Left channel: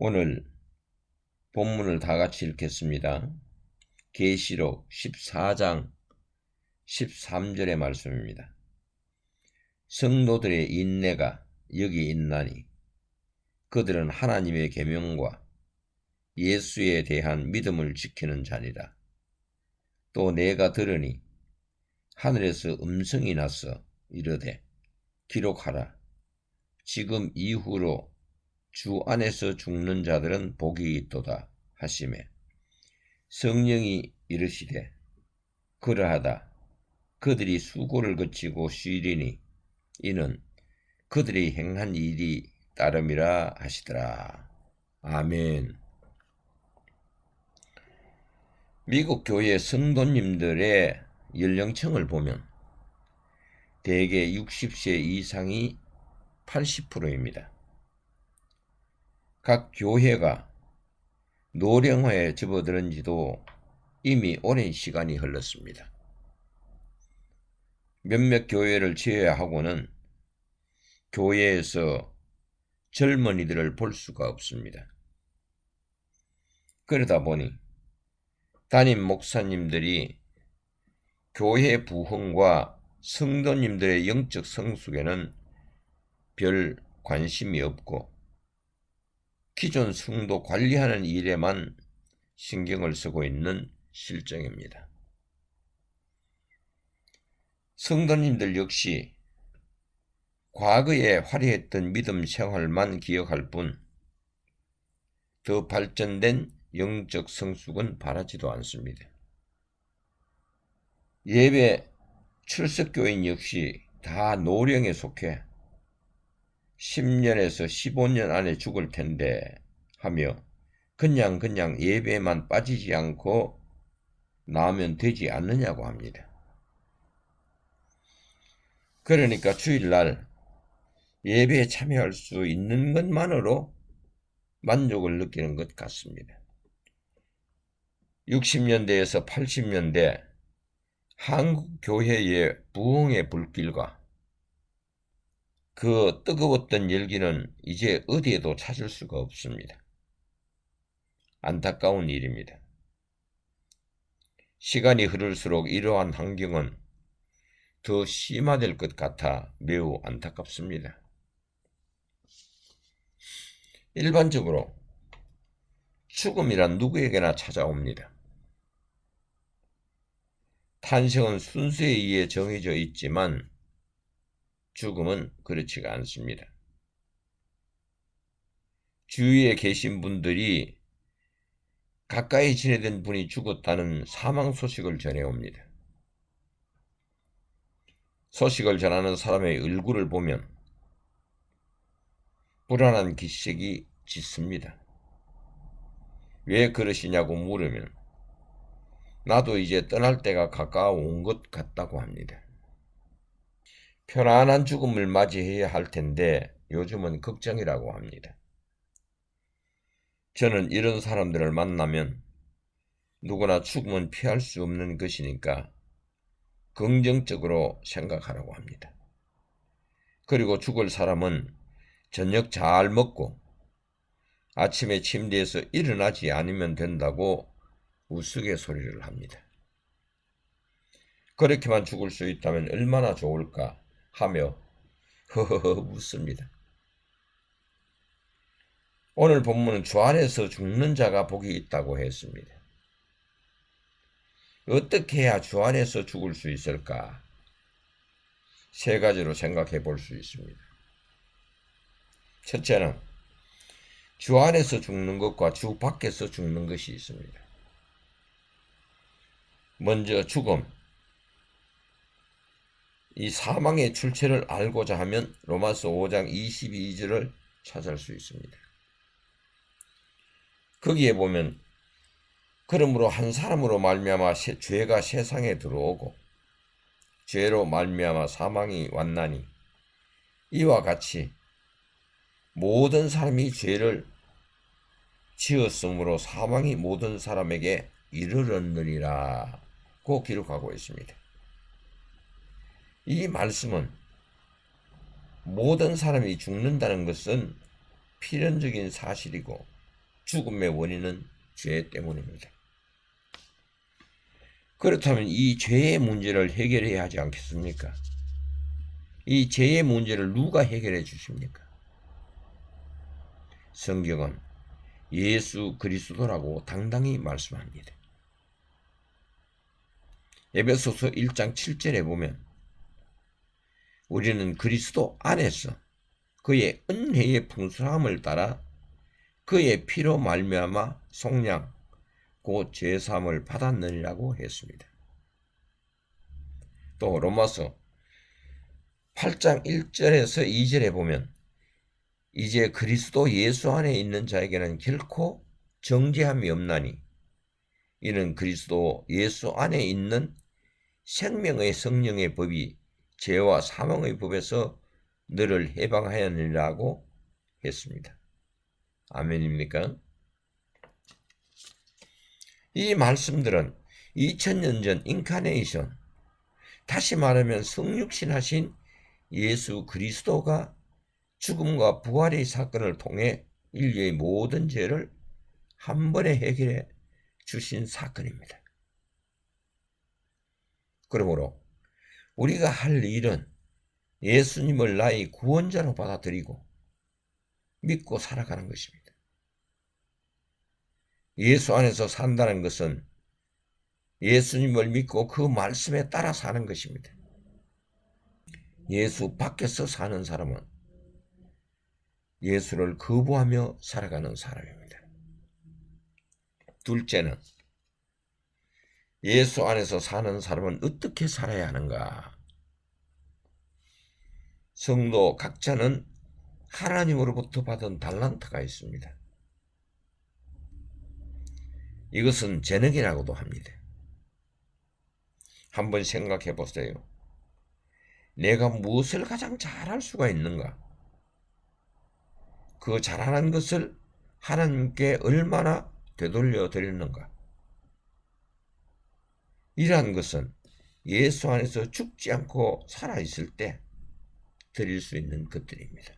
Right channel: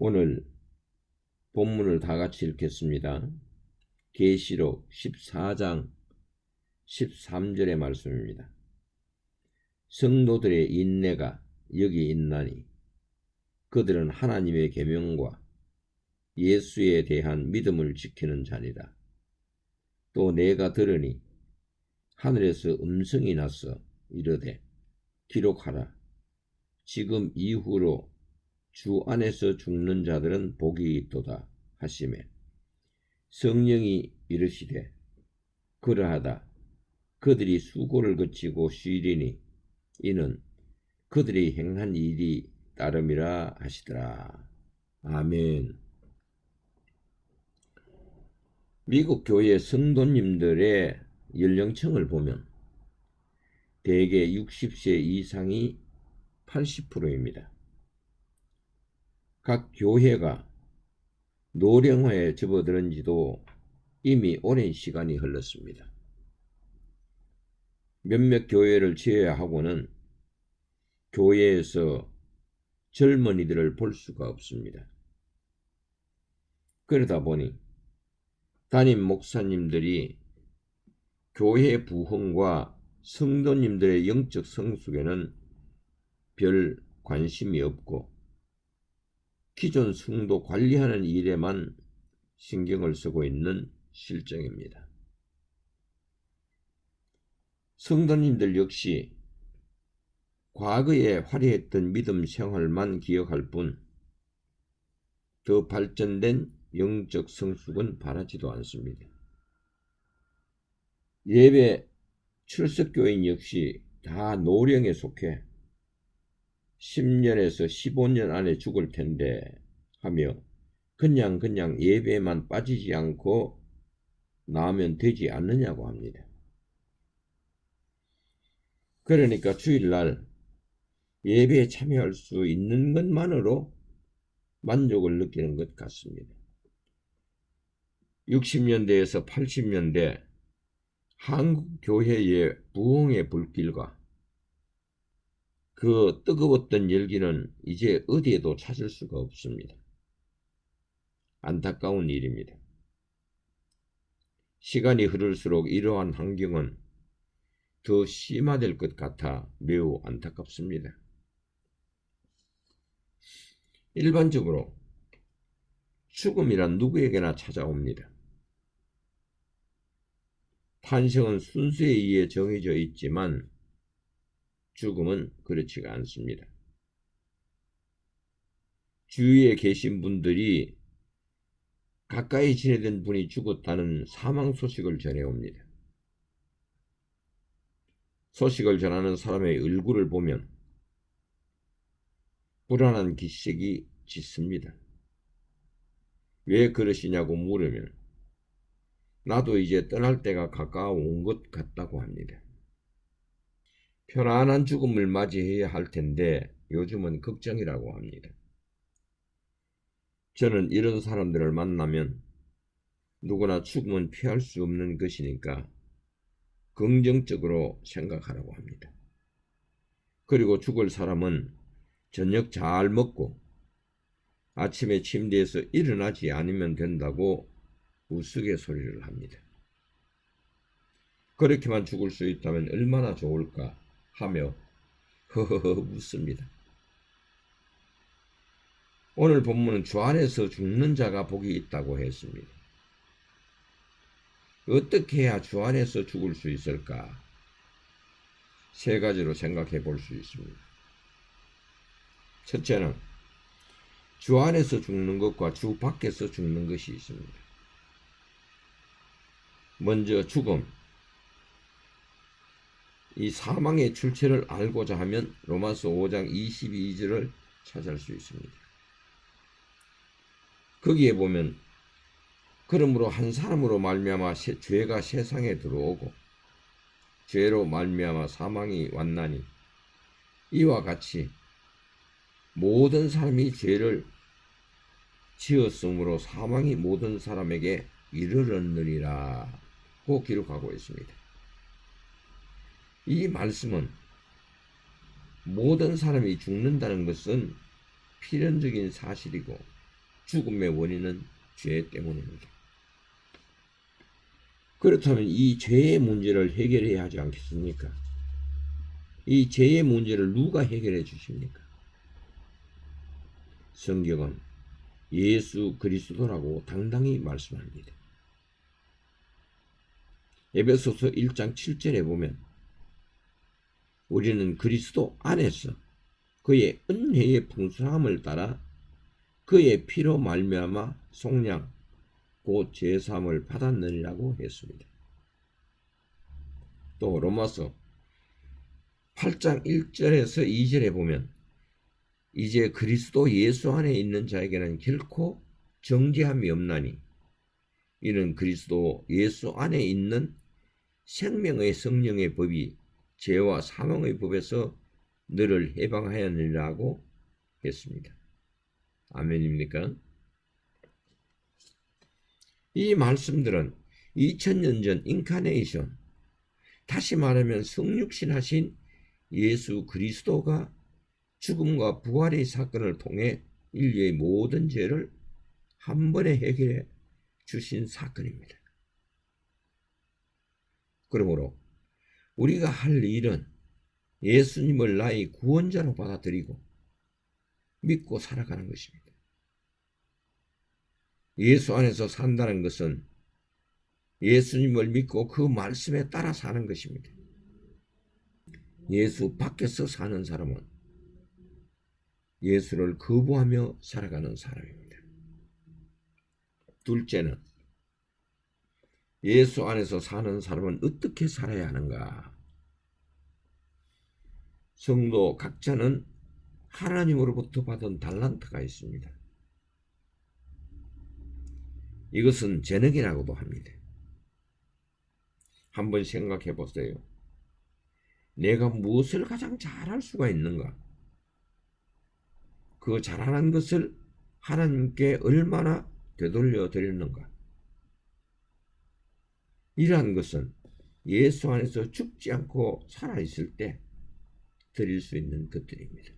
오늘 본문을 다 같이 읽겠습니다. 계시록 14장 13절의 말씀입니다. 성도들의 인내가 여기 있나니 그들은 하나님의 계명과 예수에 대한 믿음을 지키는 자니라. 또 내가 들으니 하늘에서 음성이 나서 이르되 기록하라. 지금 이후로 주 안에서 죽는 자들은 복이 있도다 하심에 성령이 이르시되 그러하다. 그들이 수고를 거치고 쉬리니 이는 그들이 행한 일이 따름이라 하시더라. 아멘. 미국 교회 성도님들의 연령층을 보면 대개 60세 이상이 80%입니다. 각 교회가 노령화에 접어드는 지도 이미 오랜 시간이 흘렀습니다. 몇몇 교회를 제외하고는 교회에서 젊은이들을 볼 수가 없습니다. 그러다 보니 담임 목사님들이 교회 부흥과 성도님들의 영적 성숙에는 별 관심이 없고 기존 성도 관리하는 일에만 신경을 쓰고 있는 실정입니다. 성도님들 역시 과거에 화려했던 믿음 생활만 기억할 뿐 더 발전된 영적 성숙은 바라지도 않습니다. 예배 출석교인 역시 다 노령에 속해 10년에서 15년 안에 죽을 텐데 하며 그냥 그냥 예배만 빠지지 않고 나오면 되지 않느냐고 합니다. 그러니까 주일날 예배에 참여할 수 있는 것만으로 만족을 느끼는 것 같습니다. 60년대에서 80년대 한국 교회의 부흥의 불길과 그 뜨거웠던 열기는 이제 어디에도 찾을 수가 없습니다. 안타까운 일입니다. 시간이 흐를수록 이러한 환경은 더 심화될 것 같아 매우 안타깝습니다. 일반적으로 죽음이란 누구에게나 찾아옵니다. 탄생은 순수에 의해 정해져 있지만 죽음은 그렇지가 않습니다. 주위에 계신 분들이 가까이 지내던 분이 죽었다는 사망 소식을 전해옵니다. 소식을 전하는 사람의 얼굴을 보면 불안한 기색이 짙습니다. 왜 그러시냐고 물으면 나도 이제 떠날 때가 가까워 온 것 같다고 합니다. 편안한 죽음을 맞이해야 할 텐데 요즘은 걱정이라고 합니다. 저는 이런 사람들을 만나면 누구나 죽음은 피할 수 없는 것이니까 긍정적으로 생각하라고 합니다. 그리고 죽을 사람은 저녁 잘 먹고 아침에 침대에서 일어나지 않으면 된다고 우스갯소리를 합니다. 그렇게만 죽을 수 있다면 얼마나 좋을까 하며 허허허 웃습니다. 오늘 본문은 주 안에서 죽는 자가 복이 있다고 했습니다. 어떻게 해야 주 안에서 죽을 수 있을까? 세 가지로 생각해 볼 수 있습니다. 첫째는 주 안에서 죽는 것과 주 밖에서 죽는 것이 있습니다. 먼저 죽음. 이 사망의 출처를 알고자 하면 로마서 5장 22절을 찾을 수 있습니다. 거기에 보면 그러므로 한 사람으로 말미암아 죄가 세상에 들어오고 죄로 말미암아 사망이 왔나니 이와 같이 모든 사람이 죄를 지었으므로 사망이 모든 사람에게 이르렀느니라고 기록하고 있습니다. 이 말씀은 모든 사람이 죽는다는 것은 필연적인 사실이고 죽음의 원인은 죄 때문입니다. 그렇다면 이 죄의 문제를 해결해야 하지 않겠습니까? 이 죄의 문제를 누가 해결해 주십니까? 성경은 예수 그리스도라고 당당히 말씀합니다. 에베소서 1장 7절에 보면 우리는 그리스도 안에서 그의 은혜의 풍성함을 따라 그의 피로 말미암아 속량 곧 제사함을 받았느니라고 했습니다. 또 로마서 8장 1절에서 2절에 보면 이제 그리스도 예수 안에 있는 자에게는 결코 정죄함이 없나니 이는 그리스도 예수 안에 있는 생명의 성령의 법이 죄와 사망의 법에서 너를 해방하였느니라고 했습니다. 아멘입니까? 이 말씀들은 2000년 전 인카네이션, 다시 말하면 성육신하신 예수 그리스도가 죽음과 부활의 사건을 통해 인류의 모든 죄를 한 번에 해결해 주신 사건입니다. 그러므로 우리가 할 일은 예수님을 나의 구원자로 받아들이고 믿고 살아가는 것입니다. 예수 안에서 산다는 것은 예수님을 믿고 그 말씀에 따라 사는 것입니다. 예수 밖에서 사는 사람은 예수를 거부하며 살아가는 사람입니다. 둘째는 예수 안에서 사는 사람은 어떻게 살아야 하는가? 성도 각자는 하나님으로부터 받은 달란트가 있습니다. 이것은 재능이라고도 합니다. 한번 생각해 보세요. 내가 무엇을 가장 잘할 수가 있는가? 그 잘하는 것을 하나님께 얼마나 되돌려 드리는가? 이러한 것은 예수 안에서 죽지 않고 살아있을 때 드릴 수 있는 것들입니다.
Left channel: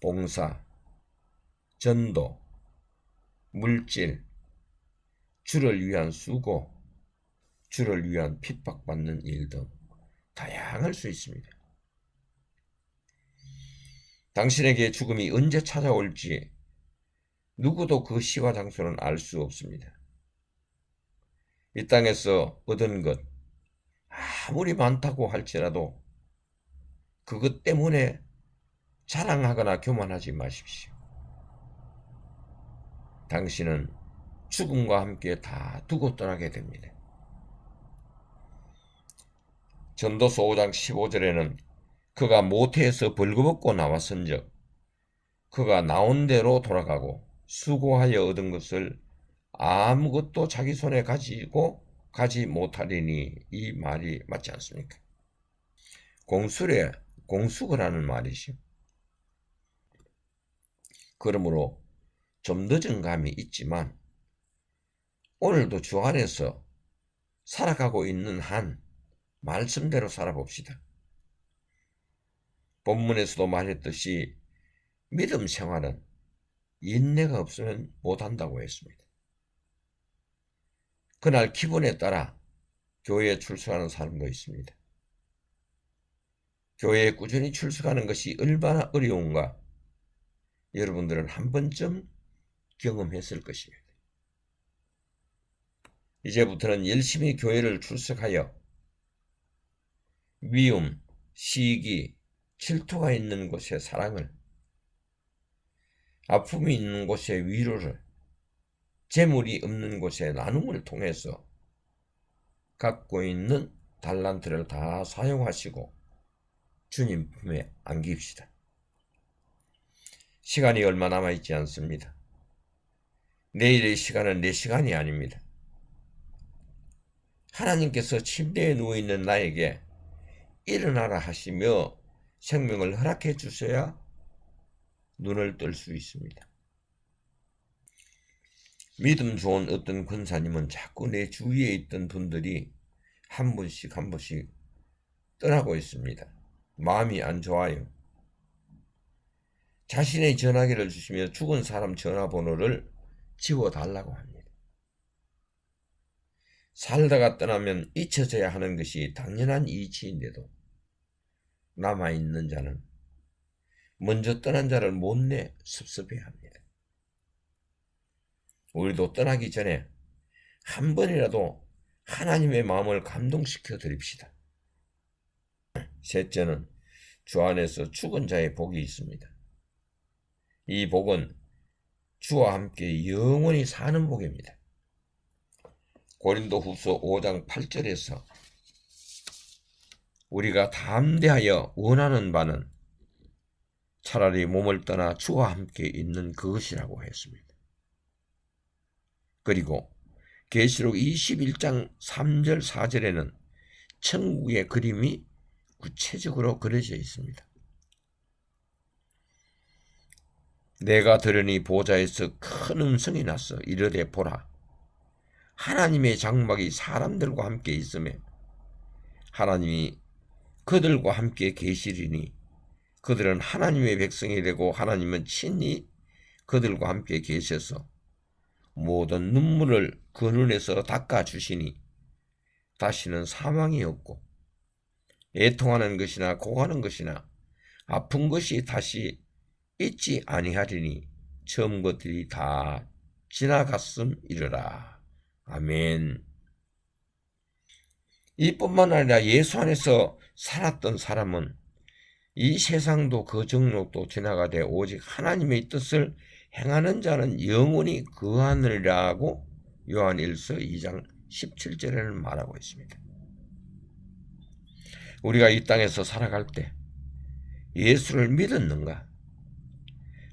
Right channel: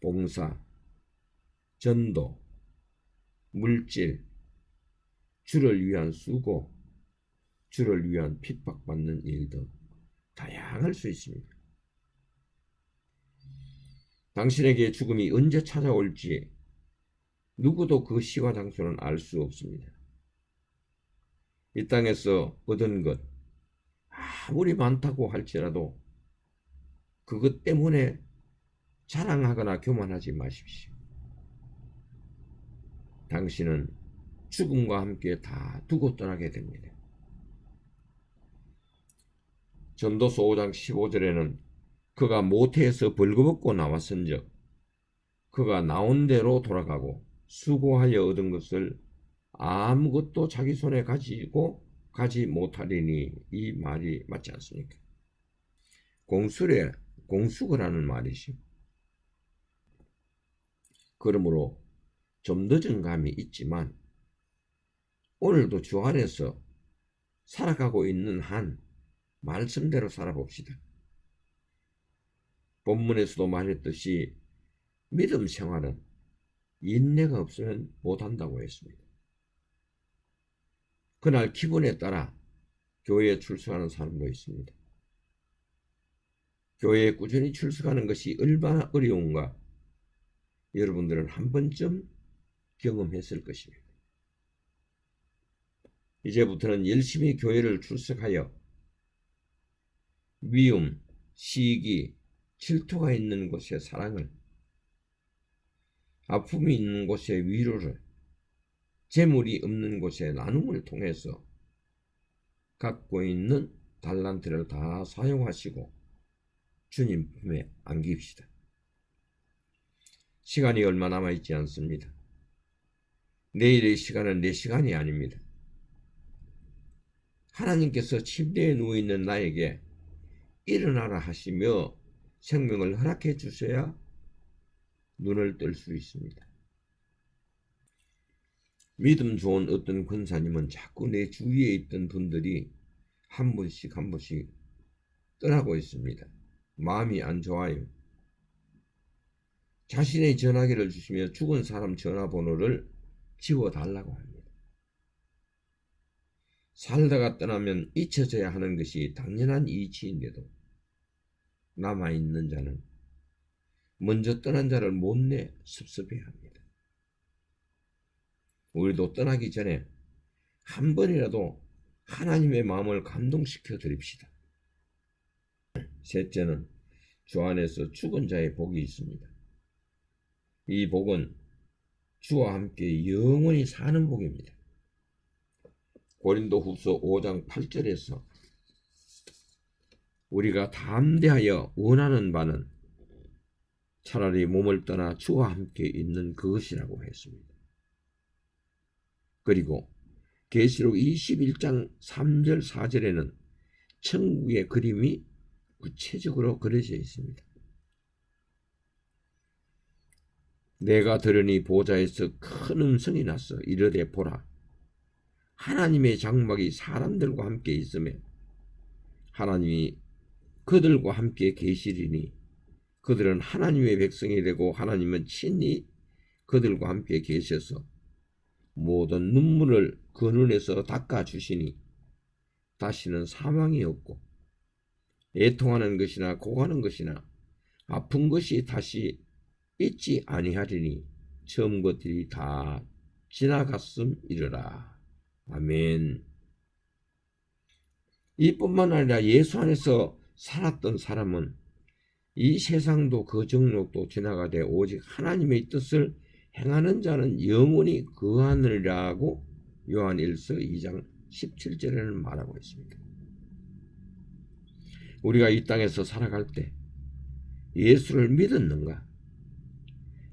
봉사, 전도, 물질, 주를 위한 수고, 주를 위한 핍박받는 일 등 다양할 수 있습니다. 당신에게 죽음이 언제 찾아올지 누구도 그 시와 장소는 알 수 없습니다. 이 땅에서 얻은 것 아무리 많다고 할지라도 그것 때문에 자랑하거나 교만하지 마십시오. 당신은 죽음과 함께 다 두고 떠나게 됩니다. 전도서 5장 15절에는 그가 모태에서 벌거벗고 나왔은즉 그가 나온 대로 돌아가고 수고하여 얻은 것을 아무것도 자기 손에 가지고 가지 못하리니 이 말이 맞지 않습니까? 공수래 공수거라는 말이죠. 그러므로 좀 늦은 감이 있지만 오늘도 주 안에서 살아가고 있는 한 말씀대로 살아봅시다. 본문에서도 말했듯이 믿음 생활은 인내가 없으면 못한다고 했습니다. 그날 기분에 따라 교회에 출석하는 사람도 있습니다. 교회에 꾸준히 출석하는 것이 얼마나 어려운가 여러분들은 한 번쯤 경험했을 것입니다. 이제부터는 열심히 교회를 출석하여 미움, 시기, 질투가 있는 곳에 사랑을, 아픔이 있는 곳에 위로를, 재물이 없는 곳에 나눔을 통해서 갖고 있는 달란트를 다 사용하시고 주님 품에 안깁시다. 시간이 얼마 남아있지 않습니다. 내일의 시간은 내 시간이 아닙니다. 하나님께서 침대에 누워있는 나에게 일어나라 하시며 생명을 허락해 주셔야 눈을 뜰 수 있습니다. 믿음 좋은 어떤 권사님은 자꾸 내 주위에 있던 분들이 한 분씩 한 분씩 떠나고 있습니다. 마음이 안 좋아요. 자신의 전화기를 주시며 죽은 사람 전화번호를 지워달라고 합니다. 살다가 떠나면 잊혀져야 하는 것이 당연한 이치인데도 남아있는 자는 먼저 떠난 자를 못내 섭섭해 합니다. 우리도 떠나기 전에 한 번이라도 하나님의 마음을 감동시켜 드립시다. 셋째는 주 안에서 죽은 자의 복이 있습니다. 이 복은 주와 함께 영원히 사는 복입니다. 고린도 후서 5장 8절에서 우리가 담대하여 원하는 바는 차라리 몸을 떠나 주와 함께 있는 그것이라고 했습니다. 그리고 계시록 21장 3절 4절에는 천국의 그림이 구체적으로 그려져 있습니다. 내가 들으니 보좌에서 큰 음성이 났어 이르되 보라 하나님의 장막이 사람들과 함께 있음에 하나님이 그들과 함께 계시리니 그들은 하나님의 백성이 되고 하나님은 친히 그들과 함께 계셔서 모든 눈물을 그 눈에서 닦아 주시니 다시는 사망이 없고 애통하는 것이나 고하는 것이나 아픈 것이 다시 있지 아니하리니 처음 것들이 다 지나갔음 이르라. 아멘. 이뿐만 아니라 예수 안에서 살았던 사람은 이 세상도 그 정욕도 지나가되 오직 하나님의 뜻을 행하는 자는 영원히 그하느라고 요한 1서 2장 17절에는 말하고 있습니다. 우리가 이 땅에서 살아갈 때 예수를 믿었는가?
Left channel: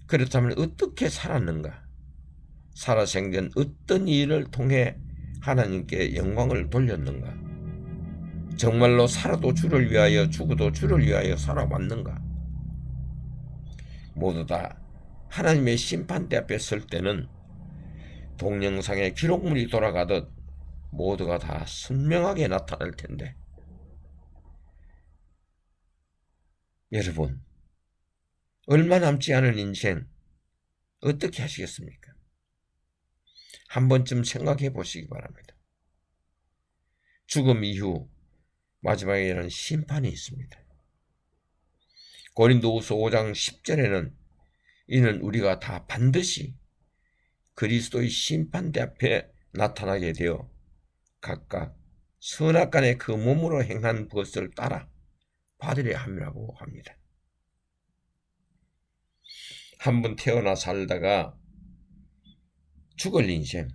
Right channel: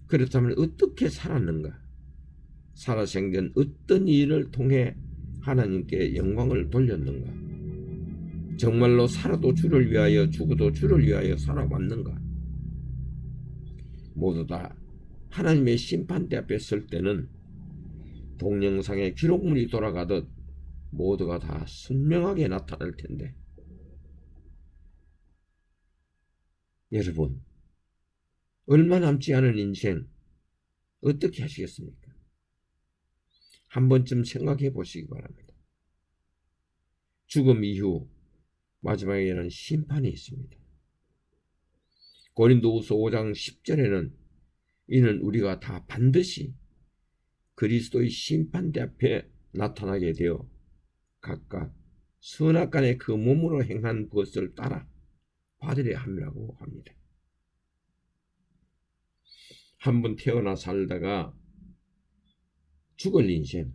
그렇다면 어떻게 살았는가? 살아생전 어떤 일을 통해 하나님께 영광을 돌렸는가? 정말로 살아도 주를 위하여 죽어도 주를 위하여 살아왔는가? 모두 다 하나님의 심판대 앞에 설 때는 동영상의 기록물이 돌아가듯 모두가 다 선명하게 나타날 텐데 여러분 얼마 남지 않은 인생 어떻게 하시겠습니까? 한 번쯤 생각해 보시기 바랍니다. 죽음 이후 마지막에는 심판이 있습니다. 고린도후서 5장 10절에는 이는 우리가 다 반드시 그리스도의 심판대 앞에 나타나게 되어 각각 선악간의 그 몸으로 행한 것을 따라 받으려 함이라고 합니다. 한 번 태어나 살다가 죽을 인생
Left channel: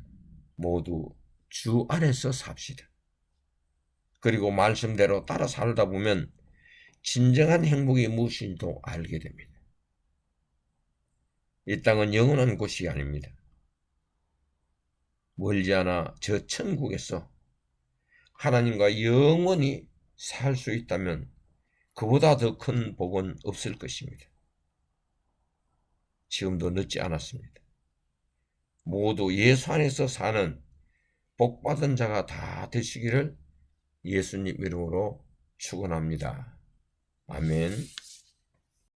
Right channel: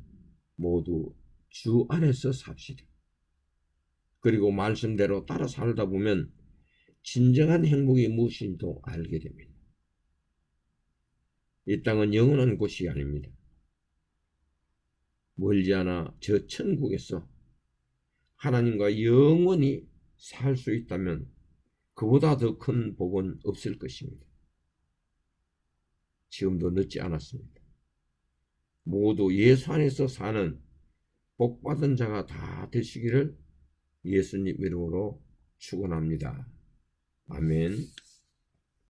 모두 주 안에서 삽시다. 그리고 말씀대로 따라 살다 보면 진정한 행복이 무엇인지도 알게 됩니다. 이 땅은 영원한 곳이 아닙니다. 멀지 않아 저 천국에서 하나님과 영원히 살 수 있다면 그보다 더 큰 복은 없을 것입니다. 지금도 늦지 않았습니다. 모두 예수 안에서 사는 복받은 자가 다 되시기를 예수님 이름으로 축원합니다. 아멘.